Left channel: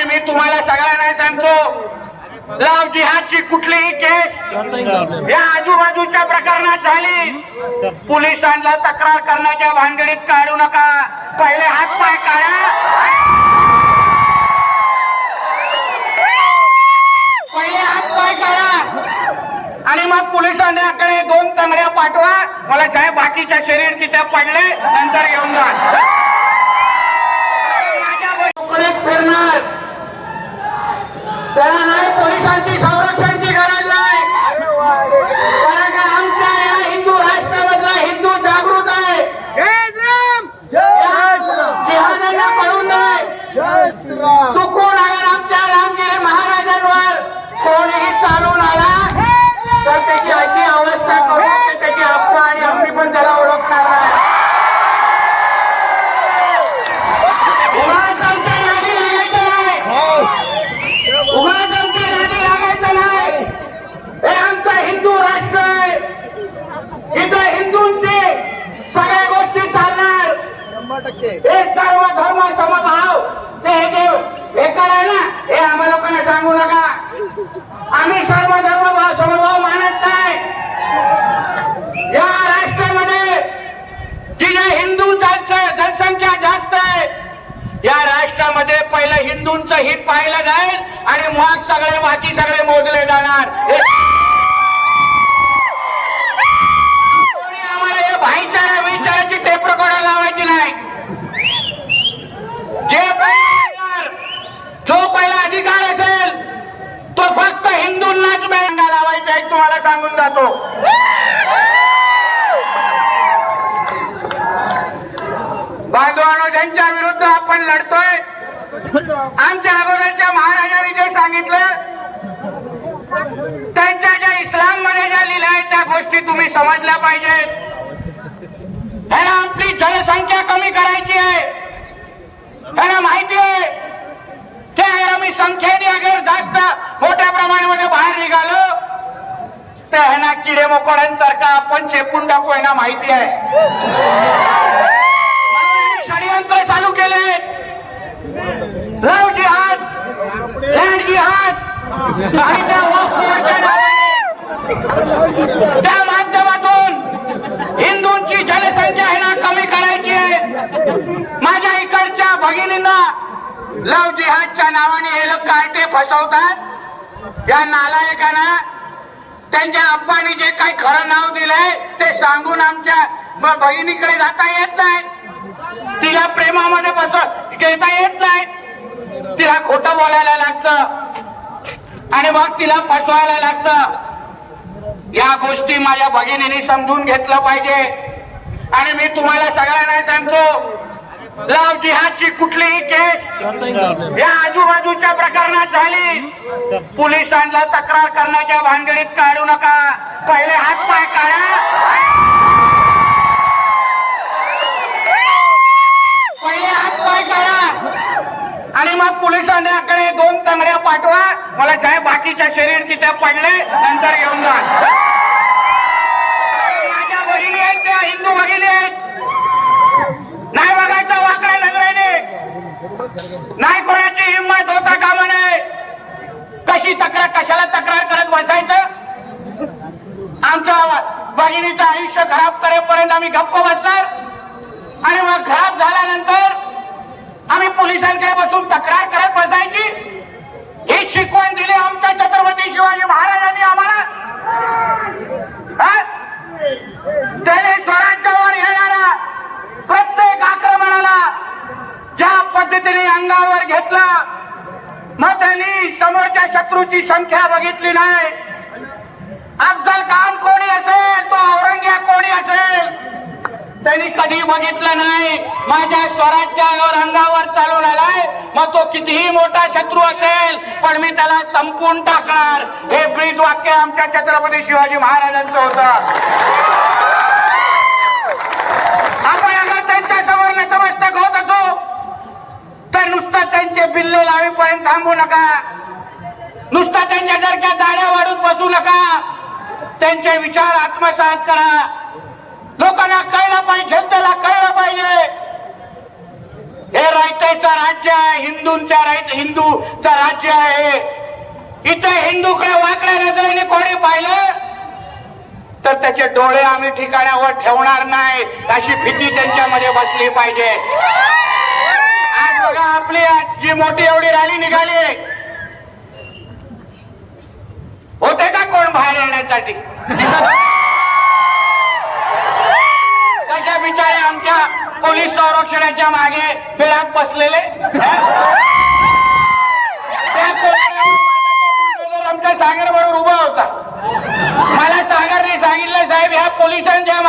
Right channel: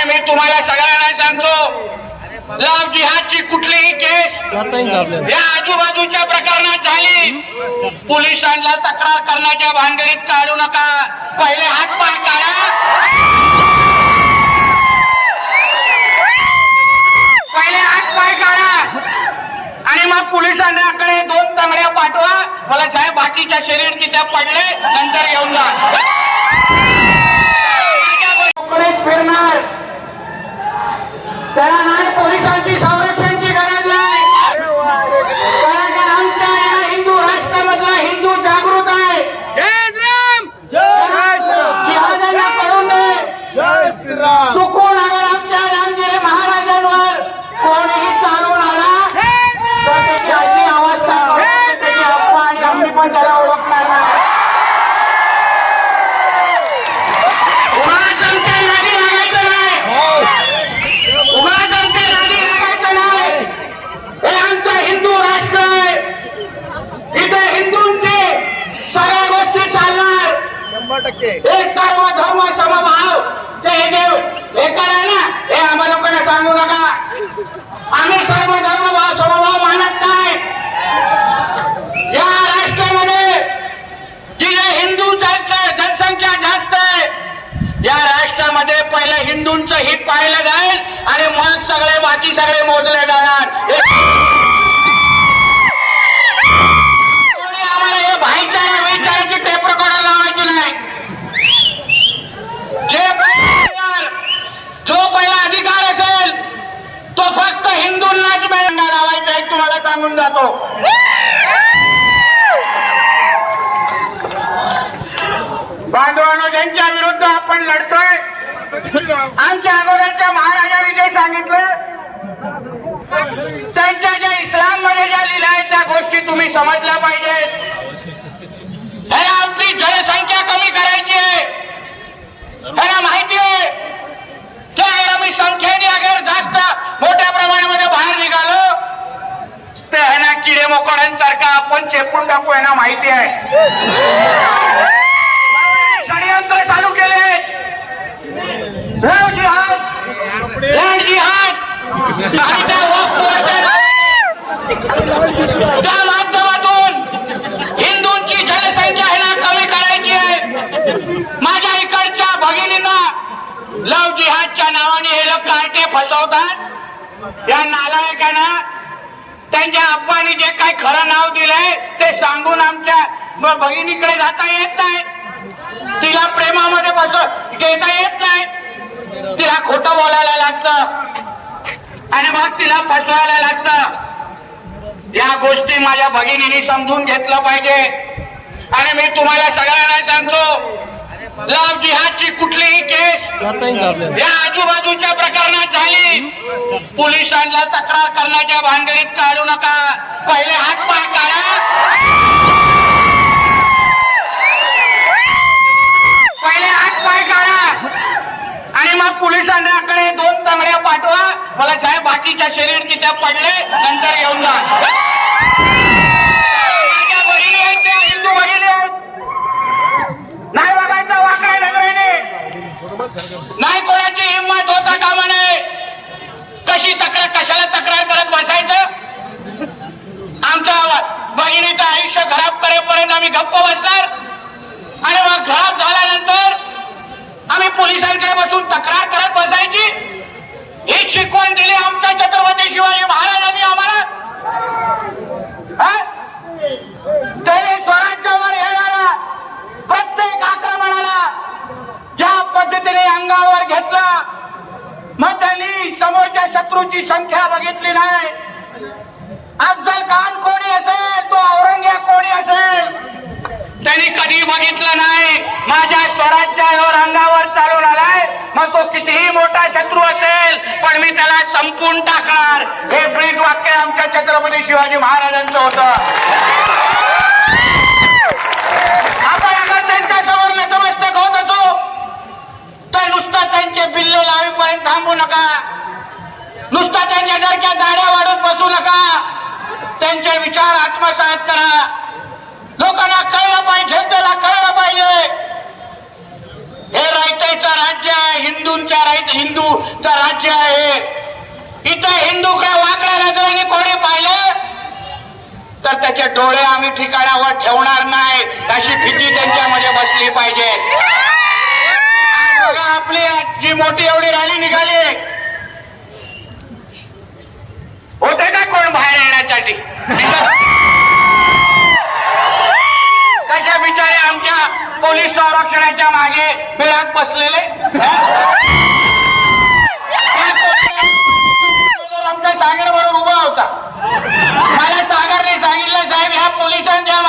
आणि मी तुम्हाला सगळ्यांना सांगतो लव जिहादची कुठलीही केस या आजूबाजूच्या प्रकरणात झाली. पोलिसांना तक्रार करण्याच्या भानगडीत काढू नका. पहिले हात पाय काढा. पहिले हात पाय काढा. आणि मग पोलिसांकडे दोन तंगड्या पाठवा. मला साहेब बाकीच्या शरीर तिथे पडले नंतर घेऊन जा. फिरणार. श्रीराम चुकून अगर आमच्या रामगिरी महाराजांवर कोणीही चालून आला तर त्याची अशी अवस्था करू? की त्याची अप्पा आणि आम्ही पण त्याला ओळखणार नाही. उगाच आमच्या नादी लागायचं नाही हो उगाच आमच्या नादी लागायचं नाही हे आमचं हिंदू राष्ट्र आहे इथे हिंदूंचे सगळ्या गोष्टी चालणार शंभर टक्के हे सर्व धर्म समभाव ते हे जे हे कराय ना हे आम्हा लोकांना सांगू नका आम्ही सर्व धर्म भाव समभाव मानत नाही या राष्ट्रामध्ये जिथे हिंदूंची जनसंख्या जास्त आहे या राष्ट्रामध्ये पहिलं हिंदूंचं हित पाहिलं जाईल आणि मग सगळे बाकी सगळे मोजले जाणार. हे- आम्हाला हे भाईचारा विचाराची टेप रेकॉर्डर लावायची नाही. जे पहिला जो पहिला अधिकार असेल तो फक्त हिंदूंनाच मिळाला लावायचा आहे तुम्हाला सांगून जातो. बांधवानो ज्यांच्या विरुद्ध आपण लढतोय आमच्या अगोदरच्या महाराजांनी जे सांगितलं त्यांच्या ज्या इस्लाममध्ये ज्या आहेत त्या गोष्टी तुम्ही समजल्या पाहिजेत. ह्याला आपली जनसंख्या कमी करायची आहे. ह्याला माहिती आहे की अगर आम्ही संख्येने अगर जास्त मोठ्या प्रमाणामध्ये बाहेर निघालो तर ह्यांना किडे मोकड्यांसारखा आपण चेपून टाकू यांना माहिती आहे. षडयंत्र चालू केले. लव जिहाद लँड जिहाद आणि त्या वक्फ त्या माध्यमातून हिंदूंची जनसंख्या ह्यांना कमी करायची आहे. माझ्या इकडच्या भगिनींना लव जिहादच्या नावाने हे लोक काय फसवतात. या नालायकांना त्यांच्या अप्पानी जे काही खरं नाव दिलंय ते सांगून आमच्या ब- बहिणीकडे जाता येत नाही तिला प्रेमामध्ये बस घेता येत नाही. तिला खोटं बोलायला लागतं. आणि मग तिला फसवायला लागतं. या गोष्टी माझ्या भगिनीने समजून घेतलं पाहिजे. आणि मी तुम्हाला सगळ्यांना सांगतो लव जिहादची कुठलीही केस या आजूबाजूच्या प्रकरणात झाली. पोलिसांना तक्रार करण्याच्या भानगडीत काढू नका. पहिले हात पाय काढा पहिले हात पाय काढा आणि मग पोलिसांकडे दोन तंगड्या पाठवा मला जाय बाकीच्या शरीर तिथे पडले नंतर घेऊन जा. माझ्या बहिणी आहेत त्या हिंदू बहिणी आहेत. नाही बघायचं नाही कोणाची हिंमत होता कामा नये. कशी तक्रार कशाला तक्रार करत बसायचं? आमच्या भगिनीचं आयुष्य खराब करेपर्यंत आम्ही गप्प बसणार. आणि मग खराब झाल्यानंतर आम्ही पोलिसांकडे बसून तक्रार करत बसायची. एक शिकवण दिली आमच्या छत्रपती शिवाजी महाराजांनी आम्हाला. त्याने स्वराज्यावर येणाऱ्या प्रत्येक आक्रमणाला ज्या पद्धतीने अंगावर घेतला मग त्यांनी समोरच्या शत्रूची संख्या बघितली नाही. अफजल खान कोणी असेल? तो औरंगजेब कोणी असेल? त्यांनी कधी बघितलं नाही. माझ्या स्वराज्यावर अंगावर चालून आलाय. मग तो कितीही मोठा शत्रू असेल पण मी त्याला संपून टाकणार. हे ब्रीद वाक्य आमच्या छत्रपती शिवाजी महाराजांचं होतं. आपण त्यांच्यासमोर नतमस्तक होत असो. तर नुसतं त्यांचे बिल्ले लावेपर्यंत थांबू नका. नुसता त्यांच्या सारख्या दाड्या वाढून बसू नका. त्यांचे विचार आत्मसात करा. लोकांना कळलं पाहिजे जनतेला कळलं पाहिजे. हे रायतेचं राज्य आहे हिंदूंच्या राईत हिंदूचं राज्य आहे. इथं हिंदू हिंदूकडे वाकड्या नजरेने कोणी पाहिलं? तर त्याचे डोळे आम्ही ठिकाणावर ठेवणार नाही अशी भीती त्यांच्यामध्ये बसली पाहिजे. आपली जी मोठी एवढी रॅली निघाली होते का कोण बाहेर येण्यासाठी कशा बिचारे आमच्या पोलीस संरक्षणाच्या मागे बिळात बसलेले आमच्या सागर बरोबर उभा होता. मला सागरने सांगितलं साहेब ह्या पोलिसांच्या